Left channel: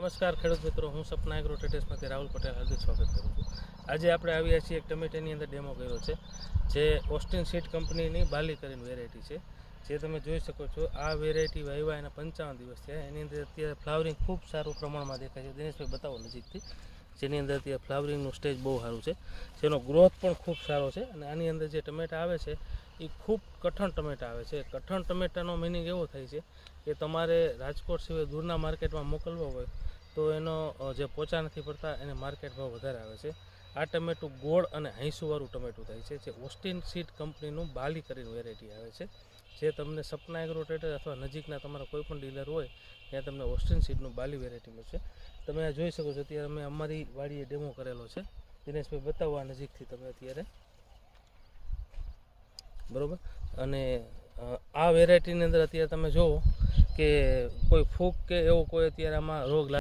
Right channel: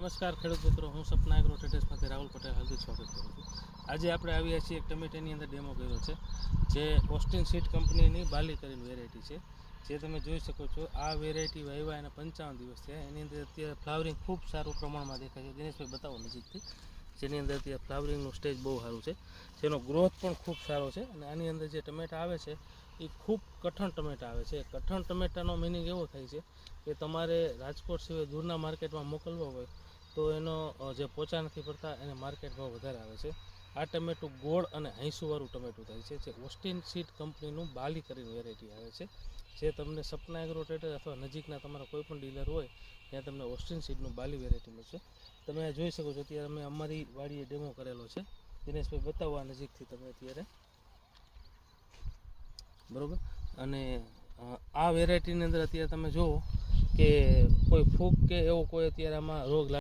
નમસ્કાર ખેડૂત મિત્રો, હું સપના એગ્રો ટ્રેડર્સમાંથી રાહુલ પટેલ હાર્દિક સ્વાગત કરું છું. આજે આપણે આવ્યા છીએ એક ટમેટાની અંદર ડેમો કર્યો છે, જે ઓસ્ટિન સીડ કંપનીની બાલી કરીને વેરાયટી છે. જે તમે જોઈ શકો છો, આ વેરાયટી વાવ્યા એના 55 દિવસ છે. એની અંદર અત્યારે ફ્લાવરિંગ ખૂબ સારું પ્રમાણમાં દેખાય છે. દિનેશભાઈ બતાવો નજીકથી. જેની અંદર અત્યારે ફ્લાવરિંગનું સ્ટેજ બહુ સારું છે, જેનો ગ્રોથ પણ ખૂબ સારો છે. અને આની અંદર જે ટમેટા આવે છે એ ખૂબ કઠણ ટમેટા આવે છે. કઠણ ટમેટાનો મિનિંગ એવો થાય છે કે તમારે રાજકોટ સિવાય દૂરના માર્કેટમાં મોકલવો હોય તો એનો જે પોચા નથી પડતા, એને માર્કેટ ભાવ વધારે આવે છે. આ ટમેટું ગોળ અને હૈસુવાળું ટમેટું થાય છે, જે ઓસ્ટિન સીડ કંપનીનું બાલી કરીને વેરાયટી આવે છે. જે તમને સપના એગ્રો ટ્રેડર અથવા નજીકના તમારા કોઈ પણ ડીલર હોય ત્યાં તમને ઓસ્ટિન સીડનું બાલી વેરાયટી મળશે. તમે આ જોઈ શકો છો, અત્યારે અમે અમારી વાડીએ ડેમો કરેલો છે. દિનેશભાઈ બતાવો આ નજીકથી તમે અત્યારે, બરાબર. અને આ વેરાયટીની અંદર અત્યારે તમે જુઓ કે કોઈ ફૂગ કે એવો કોઈ અત્યારે આમાં રોગ